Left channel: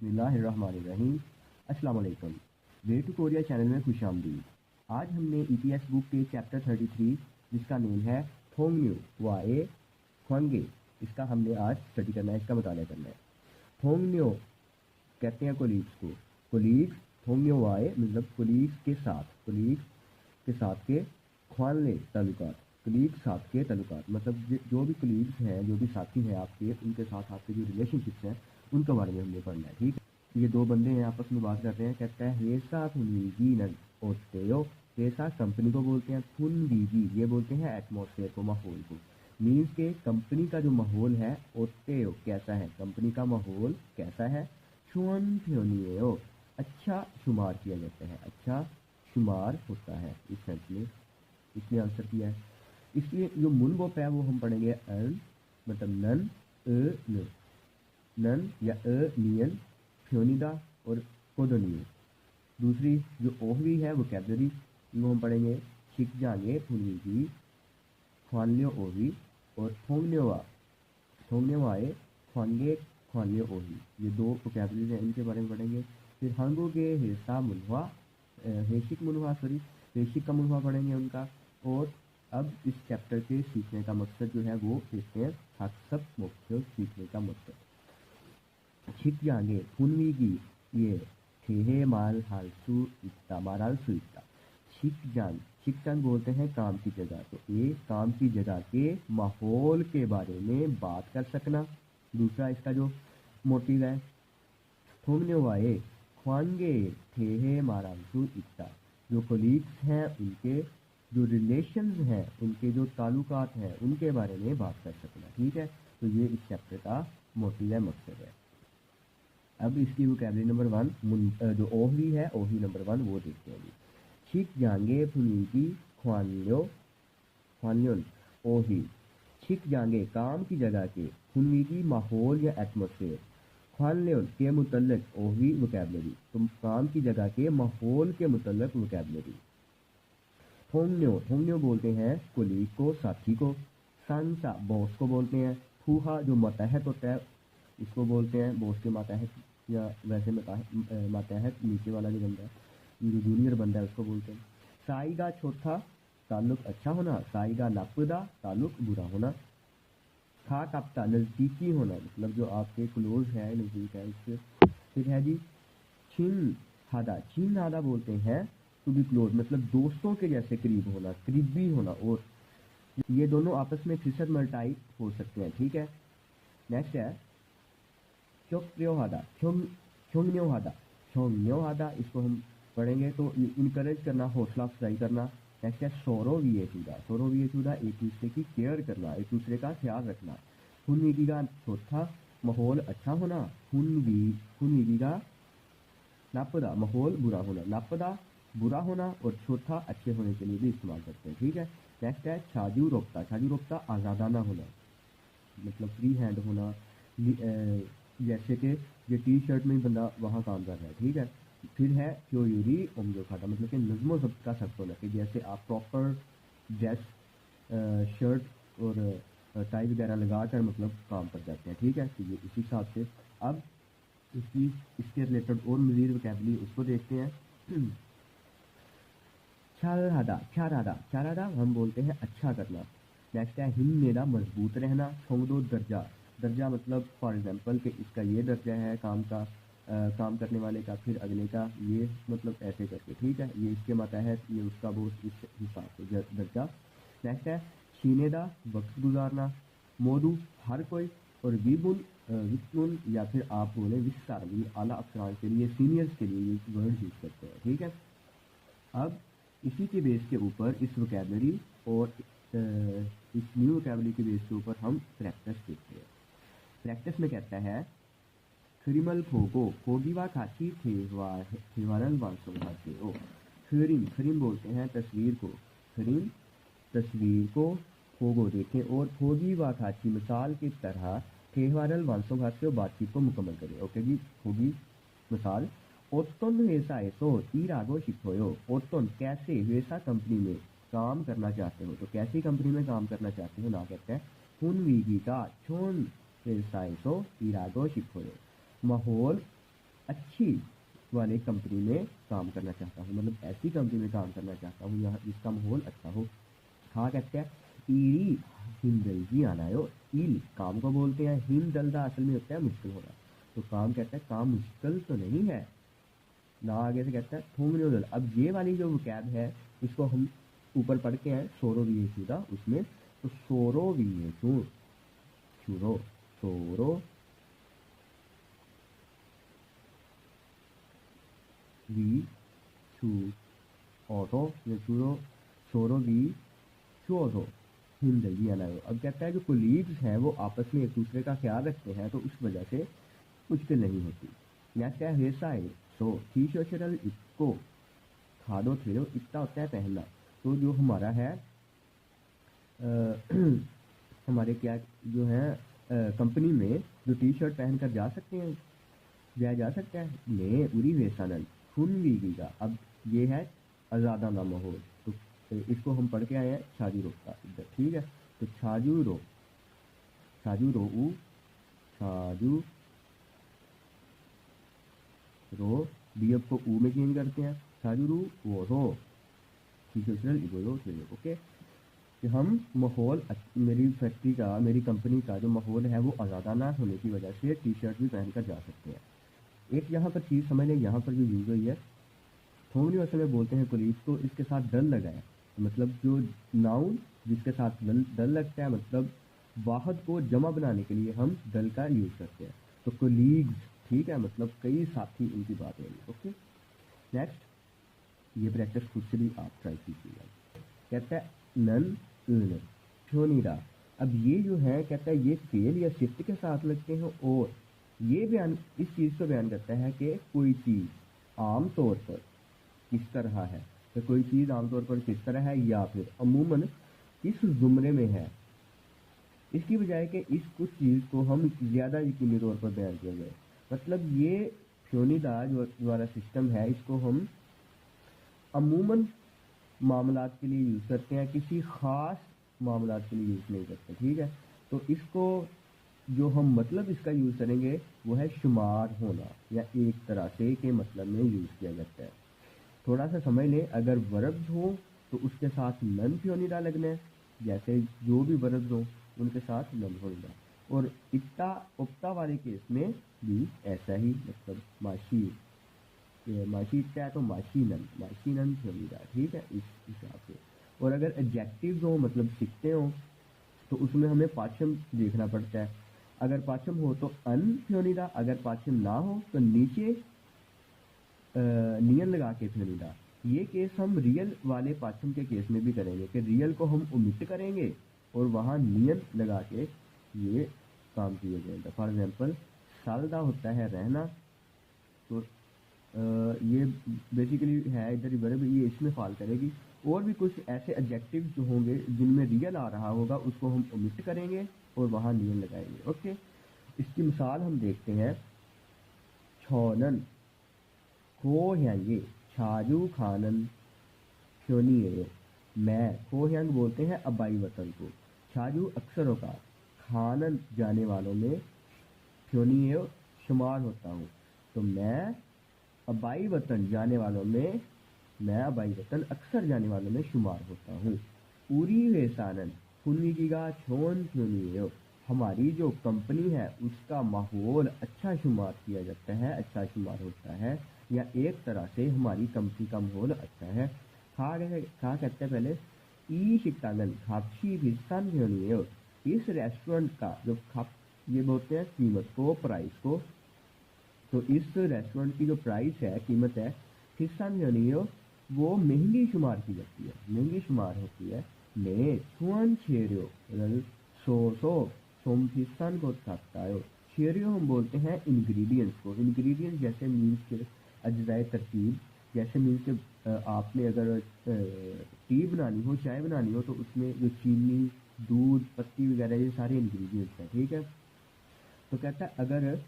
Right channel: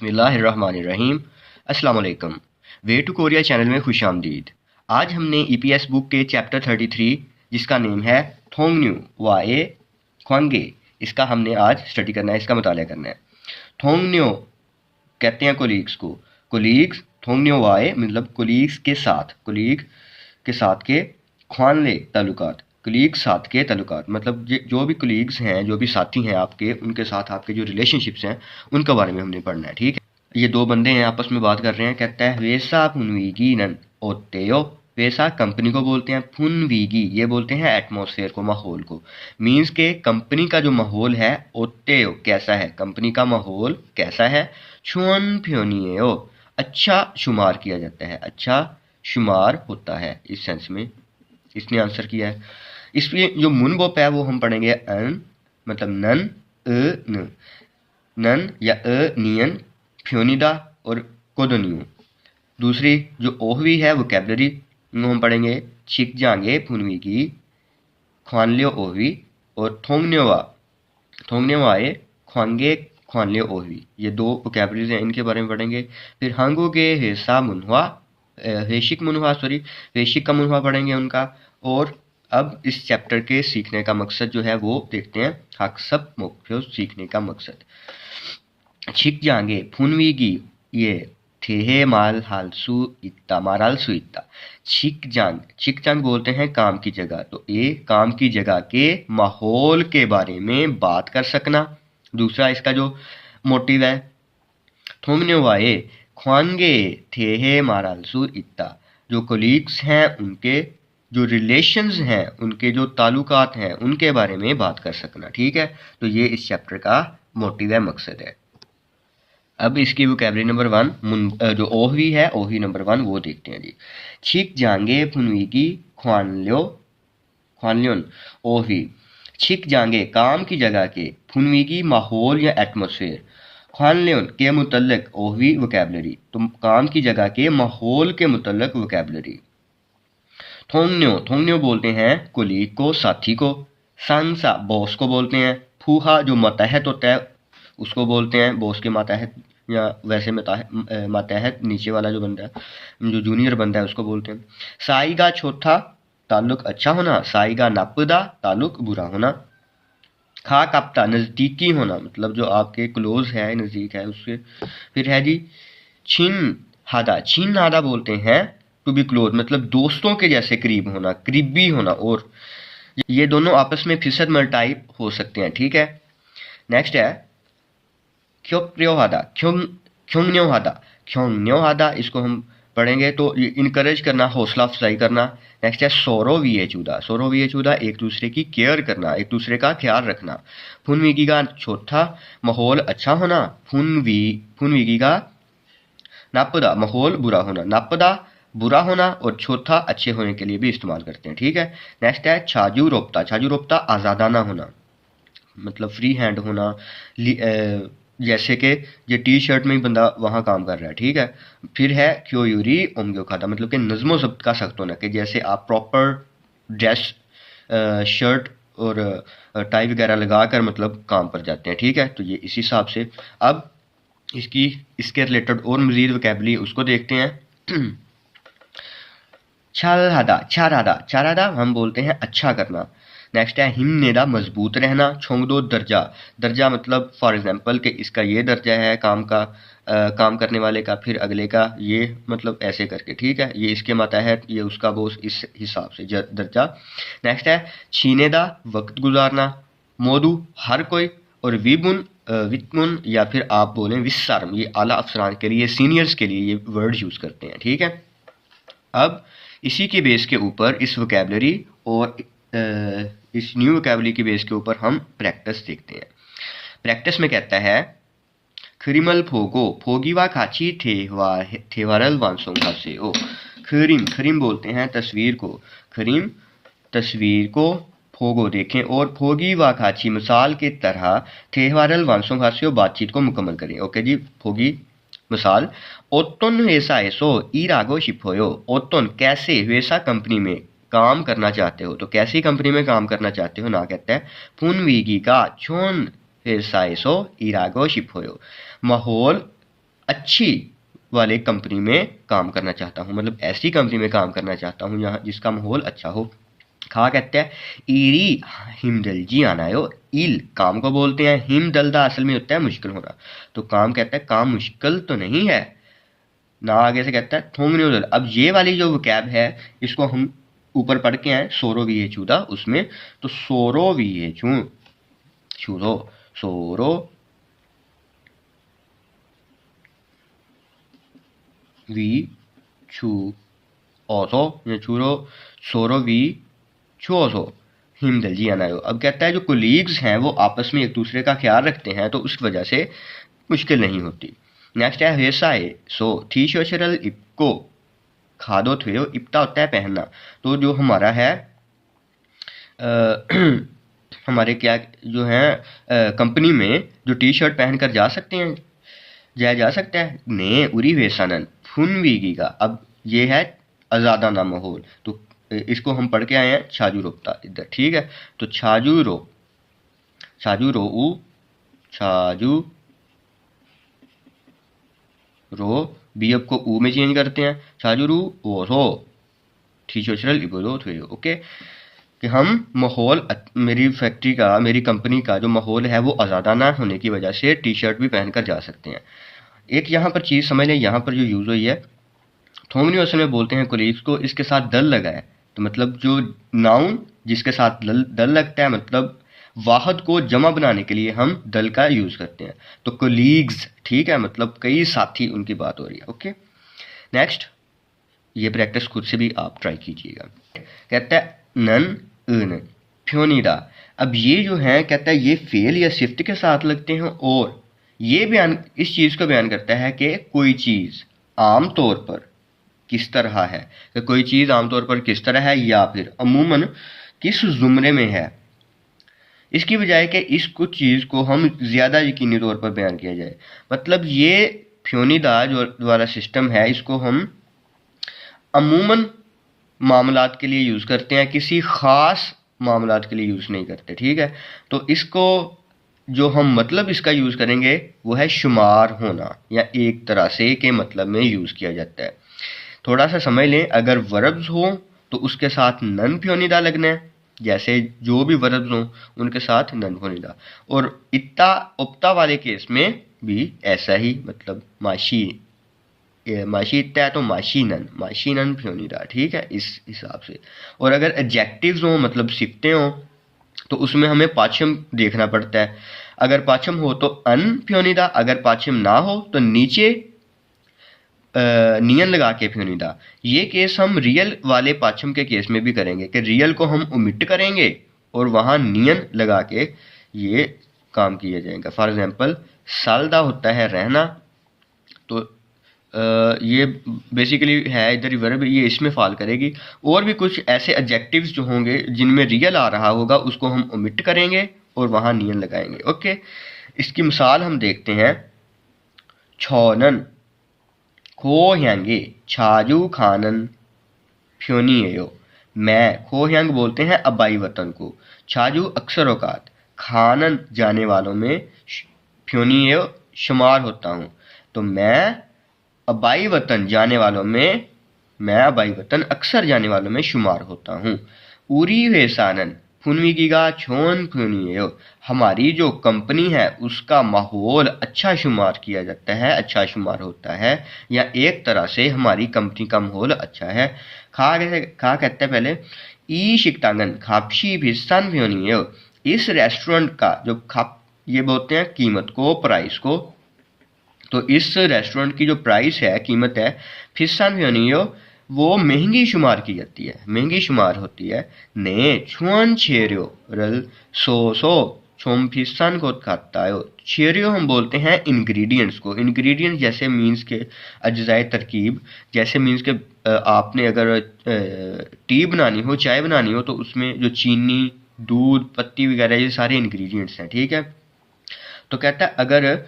बिस्मिल्लाहिर्रहमानिर्रहीम। अस्सलाम वालेकुम। वे टू कोरिया चैनल में खुश आमदीद। आज हमने ईपीएस बुक के चैप्टर 33 जिसका नेम है थोंगन्यू वाए ख्वांगे, इसका हमने आज स्टडी करना है, इसका मुताला करना है। थोंगन्यो कहते हैं कोलीग्स को, कोलीग्स थोंगन्यो वाए मतलब कोलीग्स के साथ, कोलीग के साथ के ख्वानले ताल्लुकात, कोलीग साथ के ताल्लुकात मतलब जो भी कोलीग्स हैं, जो भी साथी हैं आपके, उनके साथ आपके जो रिलेशनशिप्स हैं उनके बारे में हमने पढ़ना है। ठीक है, ये दो बंदे हैं आपस में बात कर रहे हैं। कहता है वेसा फुनवीगी नन ओतेयो, वेसा कंपनी को बोलते हैं, फुनवीगी ये बोलते हैं एटमॉस्फेयर को, माहौल को। मीन्स के कंपनी का जो माहौल है, ओतेयो कैसा है, कंपनी का माहौल कैसा है। छुअन फ्योनियो अच्छा शुमार किया जाता है, अच्छा शुमार होता है, इस सेंस में इसने आंसर किया है। इसलिए जो मुनबोप है वो हम पढ़ेंगे अन मतलब नन न, नन या नियन फ्योनिदा और कोदोनियो। दूसरी जो ओहवी है वोकैबलरी हम पढ़ेंगे छिक जांगे फुनवी की ख्वानलियो ओहवी और थोंगनेवाए ख्वांगे ख्वानलियो ओहवी, ये दो वोकैबलरीज हैं, इनके बारे में पढ़ेंगे। फिर हांगोगे हेसा मुनवा हेशिक मुनवा हेशिक का मुनवा पढ़ेंगे उनका। और अब इस चैप्टर के सीखने का मकसद जो है वो देखते हैं, हक सब मुख्य सीखने का मकसद। छिक जाएंगे फुनवीगी ये ठेहे माल हालसू इत्ता मारालसू इत्ता। छिक जांग बोलते हैं काम की जगह, तो ये काम की जगह के माहौल के बारे में बात कर सकना। दूसरा इसका जो मोटिव है थोंगने वाए ख्वांगे ठेहे मारालसू इत्ता, जो कोलीग्स हैं उनके जो रिलेशंस हैं, उनके जो ताल्लुकात हैं उनके बारे में बात कर सकना। ठीक है, तो ये इस चैप्टर का मोटिव है, मकसद है। अब इसकी वोकैबलरी नंबर 1 जो ओहवी है, ओहवी नंबर 1 वो देखते हैं जी। छिक जांगे फुनवीगी ख्वानल्योन ओहवी। छिक जांगे काम की जगह के, फुनवीगी माहौल या एटमोसफेयर, ख्वानल्योन के मुतल्लिक ओहवी वोकैबलरी, तो काम की जगह के माहौल के मुतल्लिक वोकैबलरी। थोंगन्यो बोलते हैं कुलीग को, साथी को। सांसा बॉस को बोलते हैं। फूहा जो मातहत होता है उसको बोलते हैं, बॉस के मातहत या वैसे मातहत नीचे वाला जो बंदा है, जो जूनियर बंदा है उसको बोलते हैं। साईगा चौथा ताल्लुक अच्छा होना, साईगा नापदा ताल्लुक बुरा होना। खा कापता नज़दीकी होना मतलब जो आपके क्लोज है, नज़दीक है उससे। फिर है जी छीन हादा बोलते हैं टू बी क्लोज मतलब दोस्तों के जैसे करीब होना, करीबी होना। और ये दोनों आपस में फिसद मल्टाइप हो सकते हैं। ठीक है, नेक्स्ट है ख्योंगन्योहादा, इसको हम पढ़ेंगे तो इनकरेज करना, हौसला अफजाई करना। नेक्स्ट है सोरो वी चूदा एक दूसरे की केयर करना, एक दूसरे का ख्याल रखना। फुनवीगी का चौथा माहौल अच्छा होना, फुनवीगी का नापदा माहौल बुरा होना, नापदा बुरा होना और चौथा अच्छे होने के लिए भी इस्तेमाल करते हैं। ठीक है, नेक्स्ट है छाजू रोप्ता आज़ादाना होना मतलब फ्री हैंड होना। जैसे कि ये टी शर्ट में ही बंदा वहाँ काम कर रहा है। ठीक है, फिर है क्योयूरी ओमग्यो खाता मतलब कि नज़्मो ज़ब्त का सख्त होना, कि जैसे आप प्रॉपर ड्रेस शर्ट और टाई वगैरह लगा कर मतलब काम पर जाते हैं। ठीक है, तो ये इस हिसाब से। अब इसके रिलेटेड और मज़ीद वोकैबलरी उसको देखते हैं। चारादा हम बोलते हैं अच्छा करना। नेक्स्ट है हिमनेदा मजबूत रहना। छोंगदो दर्जा मतलब फॉर एग्जांपल कि इसका ये दर्जा है काम का, काम करने वाले का, फिर अगले का ये मतलब ऐसे करके। ठीक है, ये इसके मातहत, ये उसका बोस, इस हिसाब से दर्जा। नेक्स्ट है छीनेदा वक्त गुजारना। मोदू हर कोई और वितमुन या फिर आप बोलें विस्सारम, ये आला अफसरान के लिए, सीनियर्स के लिए ये वर्ड यूज़ करते हैं। ठीक है, अब इसी के बेस के ऊपर इस वोकैबलरी और इस न्यू वोकैबलरी के बेस के ऊपर हम प्रैक्टिस देखते हैं। प्रैक्टिस में कहता है खरिमल फोगो फोगीवा खाची थेवारल वांसोंगा से ओ। खरिम बोलते हैं तस्वीर को, खरिम तस्वीर को, फोगो देखें, और फोगी व खाची मिसाल की तरह थेवारल वांसोंगा से बातचीत को मुकम्मल करें। ओके जी, फोगी मिसाल ओतन वैसा ऐसो ईरागो शिपोयो। ओतन कैसे वैसा कंपनी में काम करना चाहते हो, तो कैसी कंपनी में काम करना चाहते हो ना कहता है फुनवीगी का छोन वैसा ऐसो ईरागो शिपोयो, माहौल अच्छी वाले कंपनी में काम करना चाहता हूँ, मतलब ऐसी कंपनी में काम करना चाहता हूँ यहाँ जिसका माहौल अच्छा हो। खा कहते हैं ईरी हिमदलजी आनायो। ईल काम को बोलते हैं, हिमदलदा असल में होता है मुश्किल होना, तो काम कहता है काम मुश्किल तो नहीं है ना, आगे से कहता है थोंगन्योदल। अब ये वाली जो कैब है इसको हम ऊपर पढ़ के आए सोरो वी चूदा उसमें, तो सोरो वी चू चूरो सोरो वी चू ओसो या चूरो सोरो वी चूसो हिमदलजी आनायो। अब कहता है जो कोलीग्स हैं वो आपस में एक दूसरे का ख्याल रखते हैं तो उस वजह से मुश्किल नहीं होती। नेक्स्ट है वेसाए सो थीशोशरल इपको खादो थुयो। इप्ता होता है पहनना, तो जो हमारा है हमारे क्या जो है कंपनी में जो टी शर्ट पहन कर जा सकते हैं, जाया जा सकता है ने उरी वेसानन फुन वीगी का। अब ये है आज़ादाना माहौल, तो इसको हम पढ़ के आए हैं छाजू रोपता इधर, ठीक है। तो छाजू रो उ छाजू रो बी अब को ऊ में चेंज करते हैं, छाजू रू ओ रो थीशोशरल इबोलो थुयो। ओके, कि हम माहौल मेरी फैक्ट्री का मेरी कंपनी का जो माहौल है वो आज़ादाना होने की वजह से टी शर्ट भी पहन कर जा सकते हैं। एक यहाँ पर चीज़ समझ लें, यहाँ पर जो यूज़ हुई है थोंगनी असल में बोलते हैं कोलीग्स को, इसके साथ दल लगा है, तो मतलब जो नाउन जिसके साथ दल लगता है मतलब वाहद को जमा बनाने के लिए हम दल का यूज़ करते हैं, तो कोलीग्स, ठीक है, मतलब कई साथी उनकी बात हो रही है। ओके, नेक्स्ट ये प्रैक्टिस खुद से भी आप ट्राई कीजिएगा। कहता है नन इन फ्योनीदा। अब ये जो है कहता है ये फेल या सिफ्ट के साथ लगते हैं, और ये बयान इस चीज़ को बयान करता है कि कोई चीज़ आम तौर पर किस तरह है, कि कोई चीज़ आमतौर पर किस तरह है या फिर अमूमन किस जुमरे में है, इसकी बजाय कि इस कुछ चीज़ को हम ज़्यादा यकीनी तौर पर बयान किया जाए। मतलब ये फ्योनीदा जो वाला सिस्टम है इसको हम अमूमन मामलात के लिए यूज़ करते हैं, किसी ख़ास मामलात के लिए यूज़ नहीं करते, ठीक है। तो इसको जो हम मतलब इसका यूज़ करेंगे वो है शुमार होना, या एक तरह से के मतलब में यूज़ किया जाता है। थोड़ा सा समझ लें, अगर वर्ब्स हो तो उसके साथ नन फ्योनिदा लगना है, जैसे जो भी वर्ब्स हों उनके साथ नन फ्योनिदा, और इत्ता उपता वाले केस में भी ऐसा ही, मतलब माशी माशी इत्ता है तो माशी नन फ्योनिदा, ठीक है, इस हिसाब से। और अगर एडजेक्टिव्स हों मतलब सिफ्तें हों तो उसमें हमें पाछम देखना पड़ता है। अगर पाछम हो तो अन फ्योनिदा, अगर पाछम ना हो तो नीचे नियन लगा के फ्योनिदा। ये केस हम रियल वाले पाछम के केस में भी करेंगे कि रियल को हम ओमिट करेंगे और वहाँ नियन लगा के ये काम किया जाएगा। फॉर एग्जांपल सालदा होता है रहना, तो ये बेसिकली है इधर वर्ब, ये इसमें फॉल करेगी। और भी कुछ ऐसे एडजेक्टिव्स जो होंगे जिनमें रियल आ रहा होगा उसको हम ओमिट करेंगे और वहाँ नियन लगाएंगे। ओके, इसकी मिसाल हम देखते हैं। छोनन खोह्यांगे छाजू खानन फ्योनियो। मैं खोह्यांग बोलते हैं अबाई वतन को, छाजू अक्सर औकात, खानन जाने वालों में, फ्योनियो शुमार होता हूँ। तो मैं अबाई वतन जाने वालों में, मैं अबाई वतन अक्सर जाने वालों में शुमार होता हूँ। उरी वेसानन फुनविगिगा छोन फुनियो। हमारी जो कंपनी है उसका माहौल अच्छा शुमार किया जाता है, अच्छा शुमार होता है, या एक तरह से हमारी कंपनी का माहौल अच्छा है। खा कहते हैं पहले ई शिकतांगन खापशी भिस्तान फ्योनियो। इस रेस्टोरेंट का जो खाप, ये बोलते हैं कीमत को, प्राइस को, तो इस रेस्टोरेंट की जो प्राइस है, कीमत है, फिस्सान फ्योनियो, वो महंगी शुमार की जाती है, महंगी शुमार होती है। ने छुअन छेरियो रल सो सो छोम फिस्सान को खाता है। छेरियो हम बोलते हैं इंग्रेडिएंट्स को, इंग्रेडिएंट्स जैसे मीन्स के अज्जाए तरकीब, जैसे मीन्स के आपने अगर टी बनानी हो, चाय बनानी हो, तो उसमें जो चीनी, दूध, पत्ती वगैरह ये सारे इंग्रेडिएंट्स हैं, ठीक है। तो कहता है अगर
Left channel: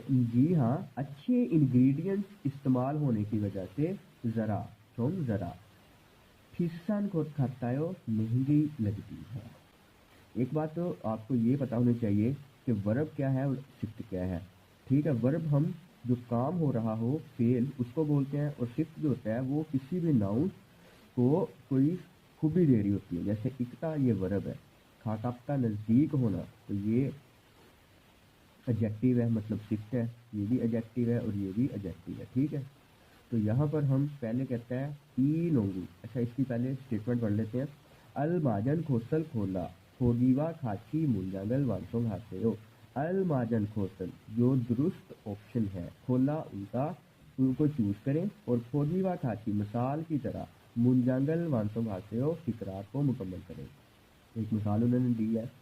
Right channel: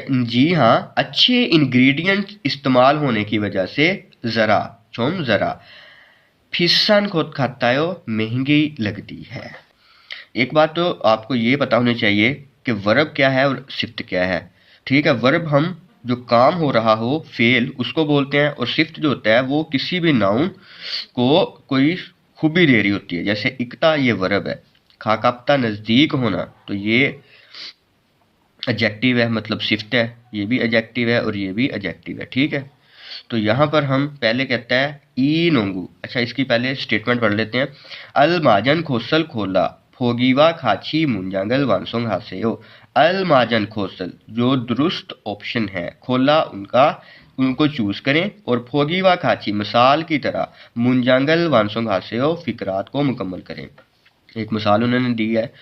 जी हाँ, अच्छे इंग्रेडिएंट्स इस्तेमाल होने की वजह से ज़रा चोम ज़रा फिस्सान खुद खातायो महंगी लगती है। एक बात तो आपको ये पता होनी चाहिए कि वर्ब क्या है और सिफ्त क्या है, ठीक है। वर्ब हम जो काम हो रहा हो फेल उसको बोलते हैं, और सिफ्त जो होता है वो किसी भी नाउन को कोई खूबी दे रही होती है। जैसे इकता ये वर्ब है, खाकाप्ता नज़दीक होना, तो ये एडजेक्टिव है, मतलब सिफ्त है, ये भी एडजेक्टिव है और ये भी एडजेक्टिव है, ठीक है। तो यहाँ पर हम पहले कहता है ई नोंगू। अच्छा, इसकी पहले स्टेटमेंट पढ़ लेते हैं। अल माजन खोसल खोला फोगीवा खाची मुंजांगल वानसोंग हासेयो। अल माजन खोसल जो दुरुस्त ऑप्शन है, खोला उनका, उनको चूज करें, और फोगीवा खाची मिसाल की तरह, मुंजांगल वानसोंग हासेयो फिकरात को मुकम्मल करें। एक मिसाल उन्होंने दी है,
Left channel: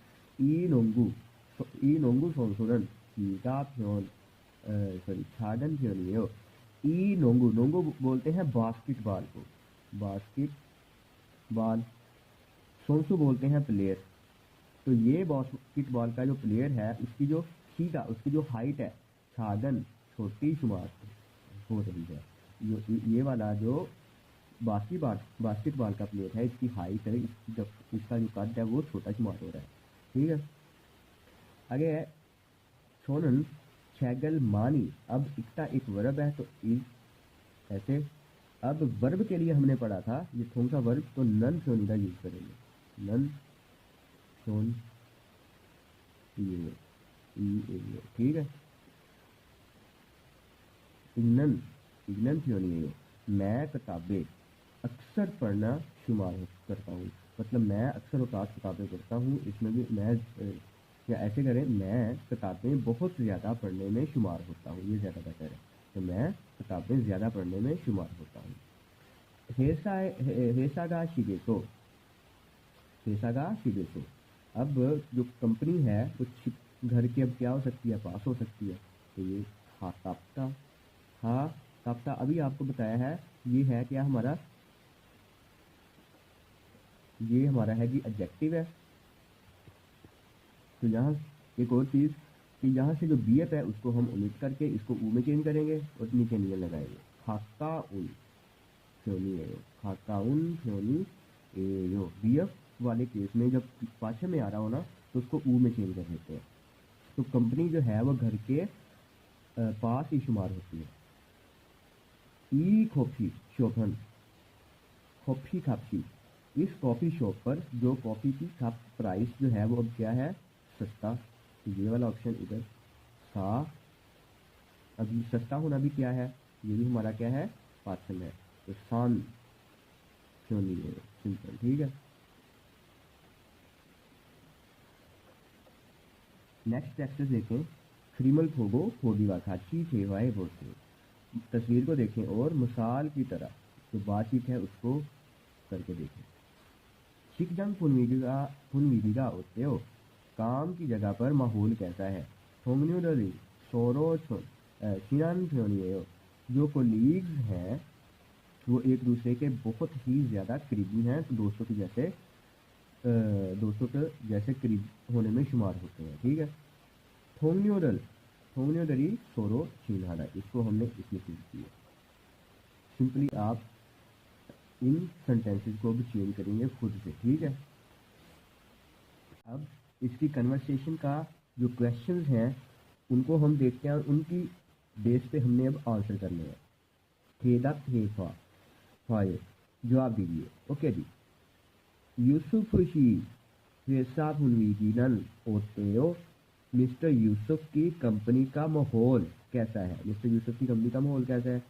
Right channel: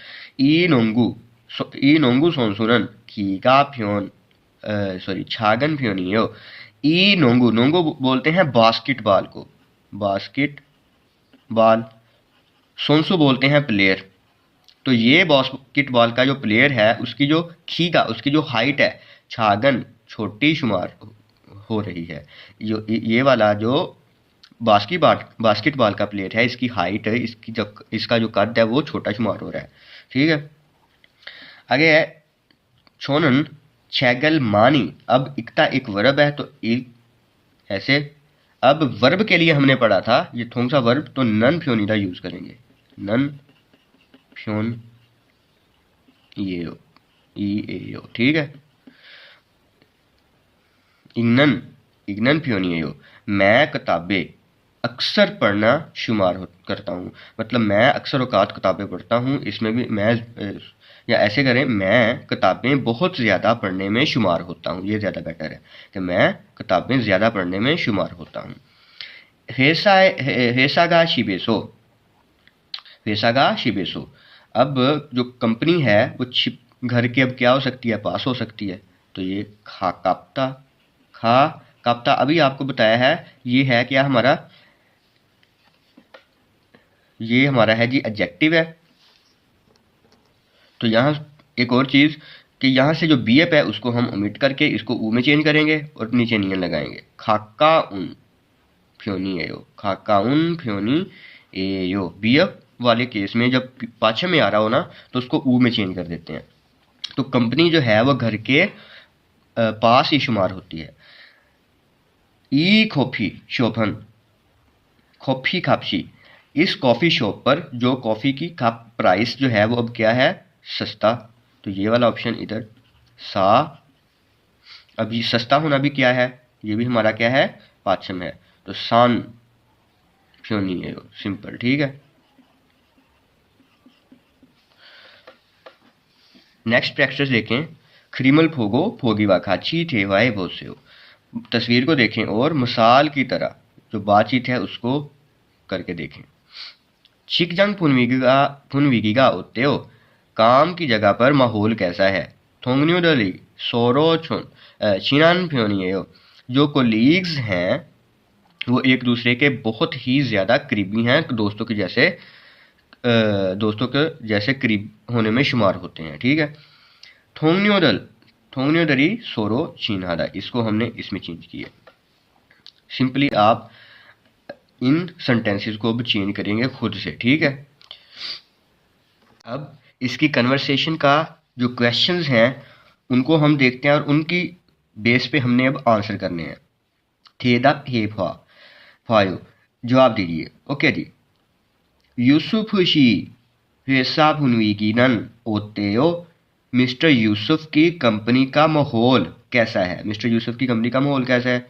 ई नोंगू सोनसुरन कीगा फ्योन सॉरी छागन फ्योनियो। ई नोंगू, नोंगू बोलते हैं बास्केटबॉल को, बास्केट बॉल। सोनसु बोलते हैं प्लेयर। तो ये बास्केटबॉल का जो प्लेयर है उसकी जो खीगा, उसकी जो हाइट है, छागन छोटी शुमार हो रही है। जो ये वाला जो बास्केटबॉल का प्लेयर है, इसकी हाइट है, इसका जो कद है वो छोटा शुमार हो रहा है, ठीक है। आगे है छोनन छैगल मानी। अब इकता एक वर्ब है, तो ऐसे अब वर्ब के लिए हमने पढ़ा था ये थोंगसा वर्ब, तो नन फ्योनीदा यूज करेंगे, नन फ्योन ये ई ए यो, ठीक है। इग्नन इग्नन फ्योनी यो, मैं किताबें अक्सर पढ़ना शुमार करता हूँ, मतलब मैं अक्सर औकात किताबें पढ़ता हूँ। इसमें भी मैं या ऐसे करें, मैं किताबें बहुत ज़्यादा पढ़ने में शुमार होता हूँ, ये ज़्यादा बेटर है कि मैं किताबें ज़्यादा पढ़ने में शुमार होता हूँ। हेसागा शिबेसो, हेसागा शिबेसो। अब जो कंपनी है वो घर के अब क्या हो सकती है, पास हो सकती है, तो ये खा काप्ता, खा काप्ता अभी आपको बताया है, ये है क्या हमारा, ये हमारा है जी एडजेक्टिव है। तो यहाँ एक और चीज़ कि यहाँ से जो बी एफ है उसको हम ओमिट करके इसको ऊ में चेंज करेंगे और नीचे नियन लगाएंगे। खाका उन फ्योनी एयो, खाका उन फ्योनी एयो। बी एफ वाले केस में जब पाछे में आ रहा हो ना तो उसको ऊ में चेंज कर देते हैं। तो कंपनी जो है वो घर के पास ही शुमार होती है। ई कॉफ़ी शोभन, कॉफ़ी खापसी, इस कॉफ़ी शॉप पर जो कॉफ़ी की कप प्राइस जो है वो अब क्या है, सस्ता। तो ये वाला ऑप्शन इधर सा, अभी सस्ता होना भी क्या है, ये भी हमारा क्या है, पाचम है। तो सान फ्योनी है, सिंपल, ठीक है। नेक्स्ट प्रैक्टिस देखें। खरीमल फोगो फोगीवा खाची थे वाए बहुत से हो। तस्वीर को देखें और मिसाल की तरह जो बातचीत है उसको करके देखें। शिकजंग फुनविगिगा होते हो, काम की जगह पर माहौल कैसा है। थोंगन्यू दली सोरो छुन चिनान फ्योनियो, जो कोलीग्स हैं वो एक दूसरे के बहुत ही ज़्यादा करीबी हैं, दोस्तों के जैसे दोस्तों के जैसे करीब होने में शुमार होते हैं, ठीक है। थोंगन्योदल थोंगन्योदरी सोरो चीनहादा, इसको हमने इसमें चेंज किया। सिंपली आप इन सेंटेंसेस को अब चेंज करेंगे खुद से, ठीक है। अब इसकी कन्वर्सेशन का जो क्वेश्चंस हैं उनको हम देखते हैं और उनकी बेस पे हमने अब आंसर करने हैं। थेदा हे फायो, जवाब दीजिए। Okay ji. यूसुफ शी हिसाब हुनवीगी नन ओतेयो, मिस्टर यूसुफ की कंपनी का माहौल कैसा है, मिस्टर यूसुफ की कंपनी का माहौल कैसा है।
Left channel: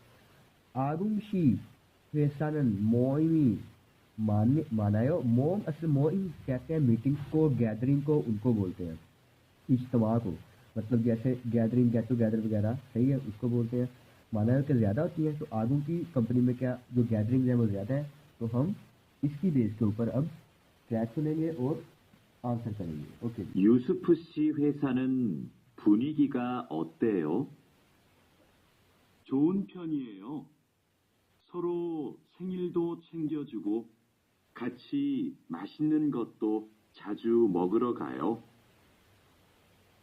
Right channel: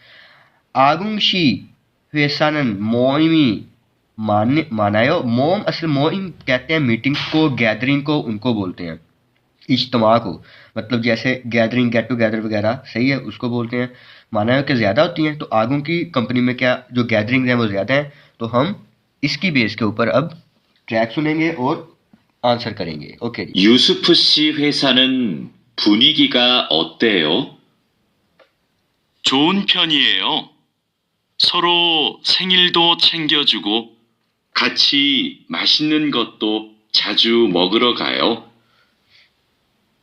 आगुंशी वेसानन मोइमी मानायो, मोम असल मोइम कहते हैं मीटिंग्स को, गैदरिंग को उनको बोलते हैं, इज्तमा को, मतलब जैसे गैदरिंग गेट टुगेदर वगैरह, सही है, उसको बोलते हैं। मानायो के ज़्यादा होती हैं, तो आगू की कंपनी में क्या जो गैदरिंग हैं वो ज़्यादा हैं। तो हम इसकी बेस के ऊपर अब ट्रैक सुनेंगे और आंसर करेंगे। ओके जी। 유스프 씨 회사는 분위기가 어때요? 좋은 편이에요. 서로 생일도 챙겨주고 같이 맛있는 것도 자주 먹으러 가요.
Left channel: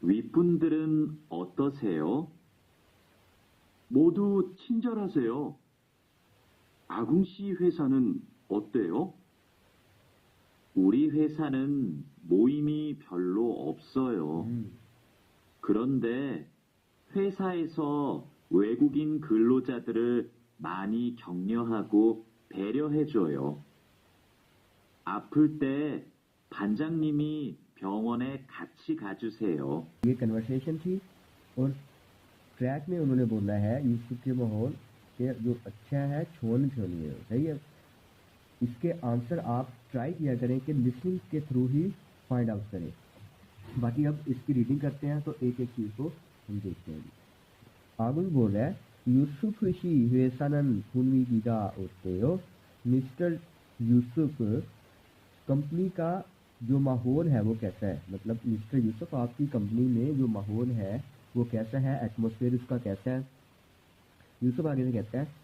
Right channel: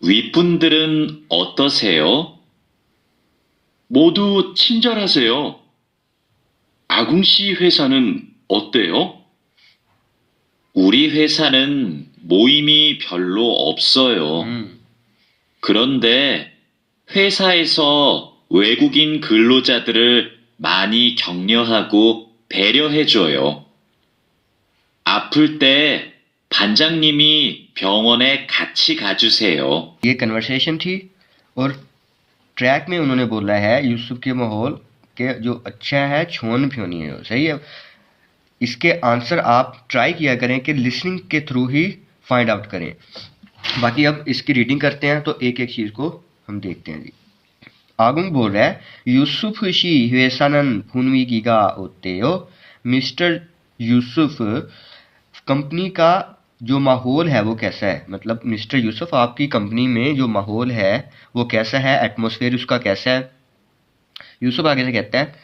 윗분들은 어떠세요? 모두 친절하세요. 아궁 씨 회사는 어때요? 우리 회사는 모임이 별로 없어요. 그런데 회사에서 외국인 근로자들을 많이 격려하고 배려해줘요. 아플 때 반장님이 병원에 같이 가주세요. ये कन्वर्सेशन थी और ट्रैक में उन्होंने बोला है यूसुफ के माहौल के जो अच्छा है छोन फ्योनी है, सही है। इसके आंसर आप ट्राई किया करें कि लिसनिंग के थ्रू ही फाइंड आउट करें। बाकी अब इसकी रीडिंग करते हैं तो एक एक चीज़ को हम देखते हैं जी। आगुंग बोल रहा है यूसुफ शी वेसानन फुनवी गिगा ओतेयो। मिस्टर यूसुफ कंपनी का जो माहौल है वो कैसा है, मतलब मिस्टर यूसुफ आपकी कंपनी में जो माहौल है वो कैसा है, एटमॉस्फेयर उसका कैसा है। यूसुफ आगे से कहता है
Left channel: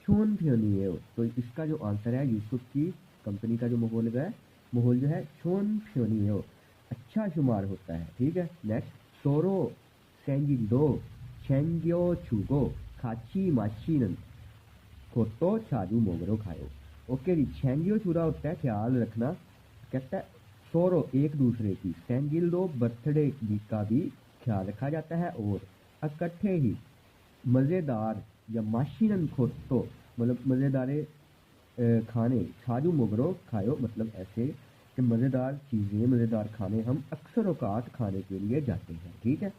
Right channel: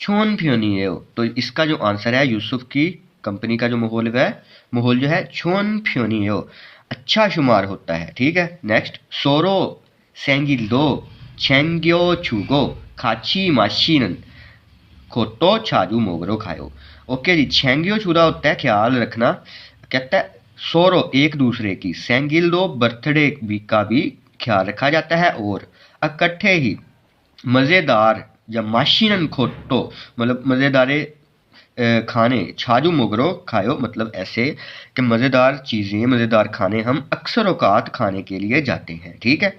छोन फ्योनी है, तो इसका जो आंसर है यूसुफ की कंपनी का जो माहौल है, माहौल जो है छोन फ्योनी है, अच्छा शुमार होता है। ठीक है, नेक्स्ट सोरो सेंगिल्दो छेंग्यो छुगो खाची माशीनन खोतो छाजू मोगरो खायो। ओके जी, छेंग्यो छुरा होता है ख्याल रखना, कहता है सोरो एक दूसरे की, सेंगिल्दो बर्थडे का भी ख्याल रखा जाता है, और इकट्ठे ही मज़ेदार या माशीनन खोटो मतलब मज़ेदारे खाने, छाजू मोगरो खायो मतलब ऐसे कि मज़ेदार चीज़ें मज़ेदार खाने हम अक्सर औकात खाने के लिए जाते हैं। ठीक है,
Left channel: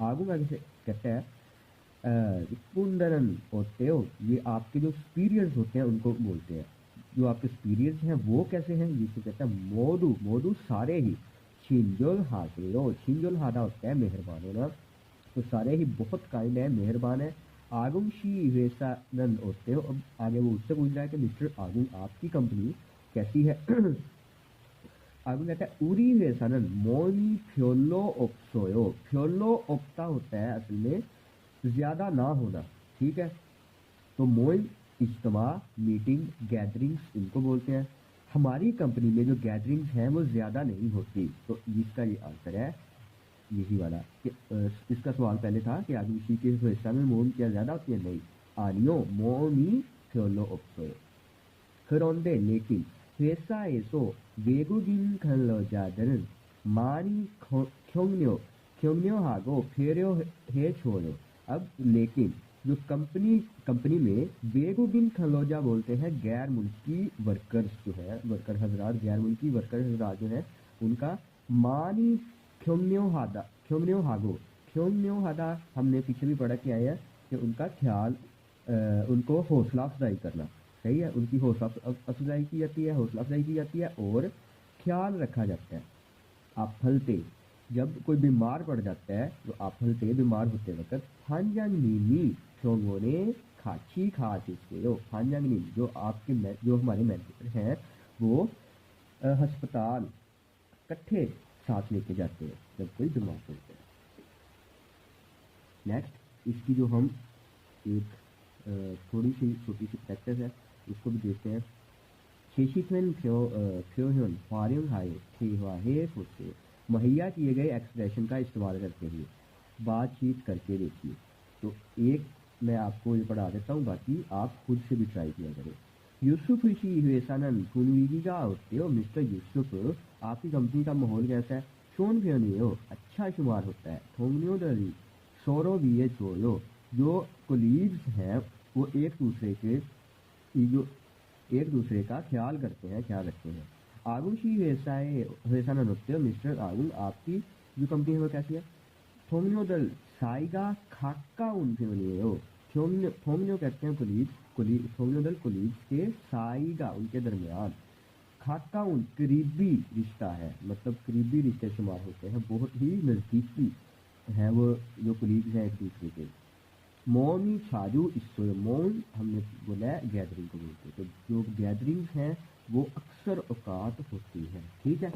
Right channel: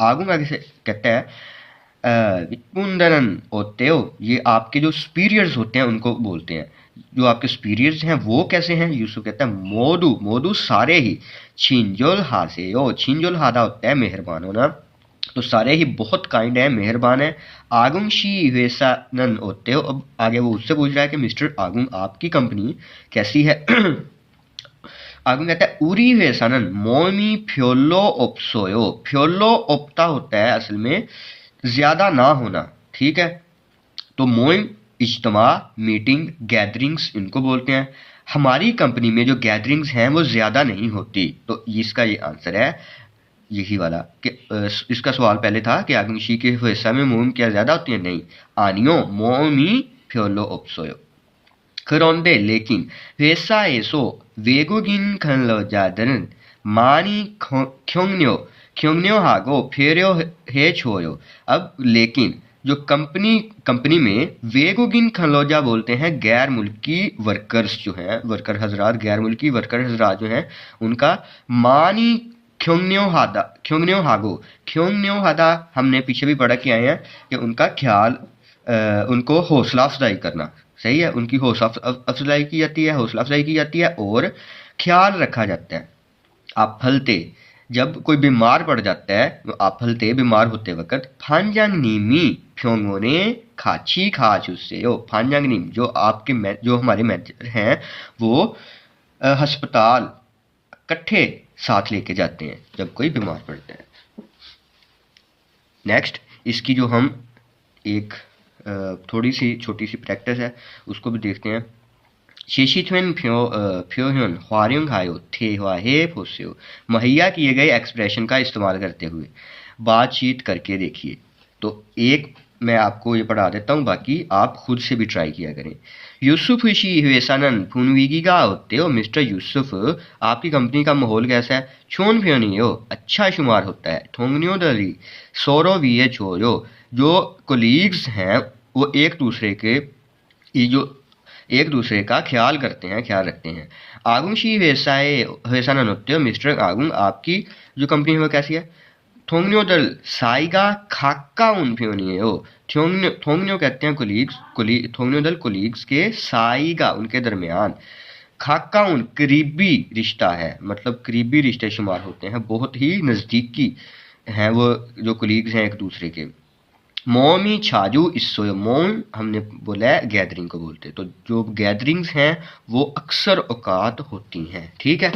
आगे से कहता है विपुंदरन होते हो, ये आपके जो सुपीरियर्स होते हैं उनको बोलते हैं। जो आपके सुपीरियर्स हैं वो कैसे हैं, यूसुफ कहता है मोदू मोदू सारे ही, छिंजोल हासे हो, छिंजोल हादा होता है मेहरबान होना, तो सारे ही बहुत काइंड है, मेहरबान है। आगुंग शी वेसानन होते हो, अब आगे वो उससे पूछ रहा है कि मिस्टर आगुंग आपकी कंपनी कैसी है। आगुंग कहता है उरी वेसानन मोमी फ्योलो ओप्सोयो, फ्योलो ओप्ता होता है असल में ज़्यादा ना होना। ठीक है, तो मोइम इज्तमा मीटिंग गैदरिंग्स इनको बोलते हैं। हमारी कंपनी में जो गैदरिंग्स हैं वो ज़्यादा नहीं होती, तो इसका ये आंसर है यही वाला कि इसका सवाल पहले था कि आगमशी के हिस्सा में मोम क्या ज़्यादा होती है, नहीं, आनियो मोमी फ्योलो ओप्सोयो। 그런데 लेकिन 회사 에서 외국인 근로자들은 많이 격려하고 배려해줘요। अब लेकिन जो कंपनी में वेगुगिन खलोजा बोलते हैं गैर मुल्की वर्कर्स जो हैं, वर्कर हजरात, गैर मुल्की वर्कर हजरात जो हैं उनका मानी ख्योंग्न्यो हादा हमने पीछे भी पढ़ा कि आए हैं कि उनका ख्याल उनको हौसला अफजाई करना, सही है, उनकी हौसला अफजाई की जाती है, हौसला अफजाई की जाती है और ख्याल रखा जाता है। आप फलते जब कोई बीमार पड़ जाता है, आप फलते बीमार होते वक्त फांजांग नीमी फ्योंगोने खाची खाच उससे हो, फांजांग नीम जो आपके जो हमारे मैनेजर हैं वो अस्पताल इकट्ठे साथ लेके जाते हैं जब कोई बीमार पड़ता है। नेक्स्ट इसकी जो हम एक थोड़ी सी छोटी सी प्रैक्टिस है उसको भी देखते हैं। शेशिथवेन फ्योहन ह्वारिंग हायो थे ह्वाहे फोस्यो, मुहैया किए गए एक्सप्रेशन का इस्तेमाल करते हुए बातचीत करके देखिए। तो एक मैं आपको ये पढ़ा देता हूँ, बाकी आप खुद से भी ट्राई किया करें। यूसुफ शी हुएसानन फुनवीगिगा होते हो, मिस्टर यूसुफ आपकी कंपनी का माहौल कैसा है, छोन फ्योनी हो अच्छा शुमार होता है, ठोंगनियो दली सोरो वीए छोयो जो कोलीग्स हैं वो एक दूसरे का ख्याल करते हैं, ख्याल रखते हैं। आगुंग शी वेसानन होते हो, मिस्टर आगुंग आपकी जो कंपनी है वो कैसी है, थोंगन्यो दल साइगा खाका उन फ्योनी हो, थोंगन्यो कहते हैं थोंगन्यो दल कोलीग्स के, साइगा उनके दरमियान, खाका उन करीबी रिश्ता है, मतलब करीबी रिश्ते शुमार होते हैं, बहुत ही नज़दीकी हैं वो जो कोलीग्स हैं एक दूसरे के। मोमी छाजू इसो, मोम हमने बोला है गैदरिंग को बोलते, तो जो गैदरिंग्स हैं वो अक्सर औकात होती हैं। ठीक है,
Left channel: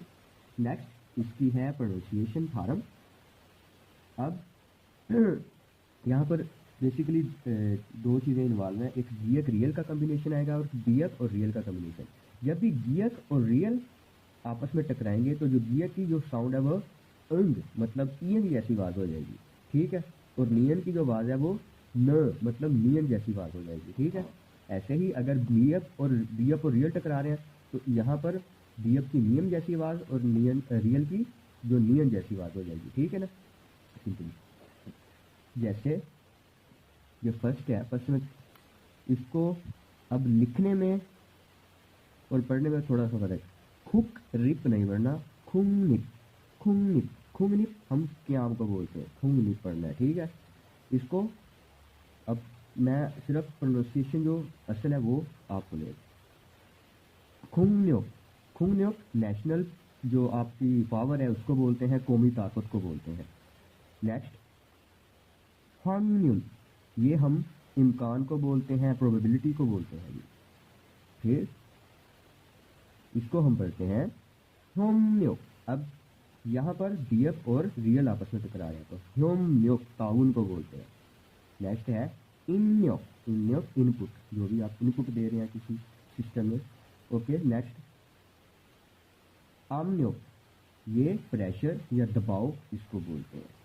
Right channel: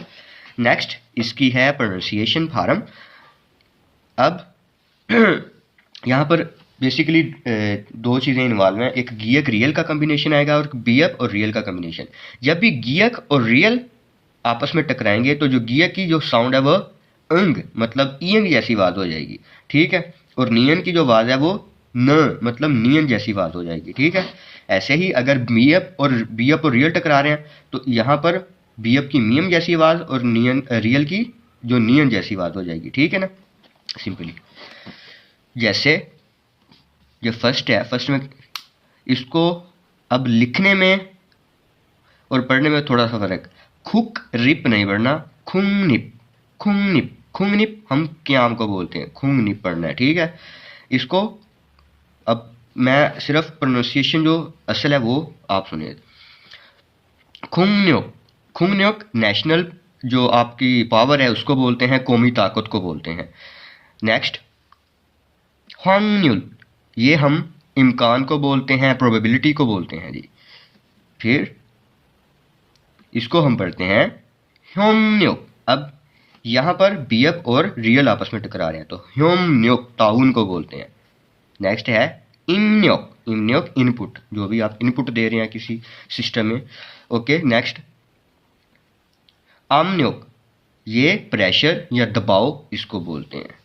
नेक्स्ट इसकी है प्रोनाउंसिएशन फार्म। अब यहाँ पर बेसिकली दो चीज़ें इन्वॉल्व हैं, एक गियक रियल का कम्बिनेशन आएगा और बियक और रियल का कम्बिनेशन। जब भी गियक और रियल आपस में टकराएंगे तो जो गियक की जो साउंड है वो अंग मतलब ईयंग जैसी आवाज़ हो जाएगी। ठीक है, और नियन की जो आवाज़ है वो न मतलब नियन जैसी आवाज़ हो जाएगी। ठीक है, ऐसे ही अगर बीएफ और रियल टकरा रहे हैं तो यहाँ पर बीएफ की मियम जैसी आवाज़ और नियन रियल की जो नियन जैसी आवाज़ हो जाएगी। ठीक है ना, सिंपली जैसे जो फर्स्ट है, फर्स्ट में इसको अब लिखने में और पढ़ने में थोड़ा सा फर्क। खुक रिप नहीं पढ़ना, खुंग निप, खुंग निप, खुंग निप हम क्याम को बोलते हैं, खुंग निप पढ़ना है, ठीक है। इसको अब मैं सिर्फ प्रोनाउंसिएशन जो असल है वो आप सुनिए। खुंगन्योक, खुंगन्योक नेशनल जो आपकी पावर है उसको बोलते हैं, कौमी ताकत को बोलते हैं। नेक्स्ट ह्वांगन्युल, ये हम इम्कान को बोलते हैं, प्रोबेबिलिटी को बोलते हैं जी। फिर इसको हम पढ़ते हैं ह्योमन्योक। अब यहाँ पर बीएफ और रियल आपस में टकरा रहे हैं तो ह्योमन्योक ताउन को बोलते हैं। नेक्स्ट है इम्न्योक, इम्न्योक इनपुट, जो भी आप इनपुट दे रहे हैं किसी सिस्टम में, ओके। नेक्स्ट आमन्योक, ये प्रेशर या दबाव इसको बोलते हैं।